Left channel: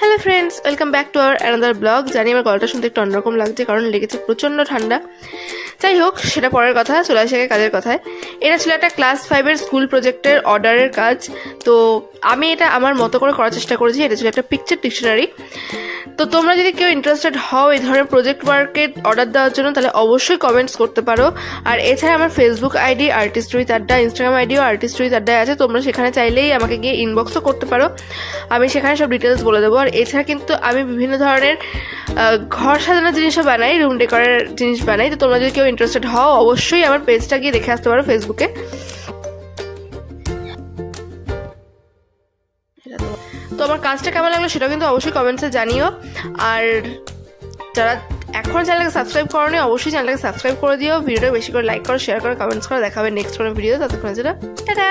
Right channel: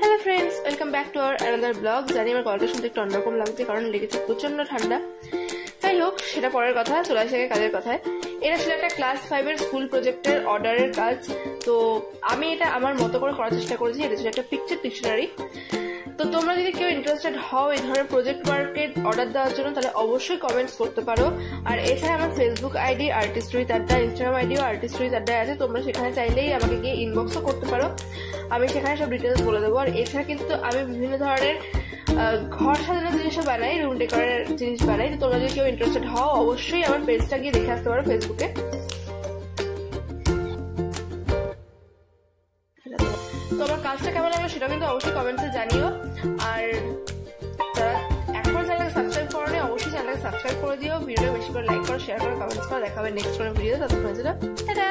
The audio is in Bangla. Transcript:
Hello friends, welcome back to our another blog. জানি আমার গলাটা শুনতে একটু অন্যরকম লাগছে, কারণ লেগেছে প্রচণ্ড ঠান্ডা। যাই হোক, সেটা পরের কথা, চলে আসে কাজের কথায়। এটা ছিল একটা ক্লাস 5-এর স্কুল প্রজেক্টের অর্ডারের কাজ। তো আমি এটা আমার মতো করে করার চেষ্টা করেছি। এটা ছিল একটা পিকচার ডিকশনারি। তো তোমরা যদি কেউ ইন্টারেস্টেড হও এই ধরনের প্রজেক্ট ওয়ার্কের অর্ডার দেওয়ার জন্য, তাহলে অবশ্যই কমেন্টস করতে পারো। আর এছাড়া আমার ফেসবুক আইডি আর্টিস্ট রুহিত আড্ডা, ইনস্টাগ্রাম আইডিও আর্টিস্ট রুহিত আড্ডায় আছে। তোমরা সেখানে চাইলেই আমাকে গিয়ে ইনবক্সও করতে পারো, আমি সেখানে সব ডিটেলস বলে দেবো। আর এছাড়া কিন্তু আমি বিভিন্ন ধরনের ঘর সাজানোর জিনিসও বানাই, রুম ডেকোরের জিনিস বানাই। তো তোমরা যদি কেউ ইন্টারেস্টেড হও, অবশ্যই আমার পেজটা গিয়ে দেখে আসতে পারো ফেসবুকে। তো আমার কাজটা কেমন লাগলো সেটা কিন্তু অবশ্যই কমেন্টসে জানিও। আর যারা এখন চ্যানেলকে সাবস্ক্রাইব করোনি, অবশ্যই চ্যানেলকে সাবস্ক্রাইব করে দিও। ভিডিওটা বেশি করে লাইক করো, শেয়ার করো, কমেন্টস করো। দেখাবে নেক্সট কোনো ভিডিও। ততক্ষণ টাটা।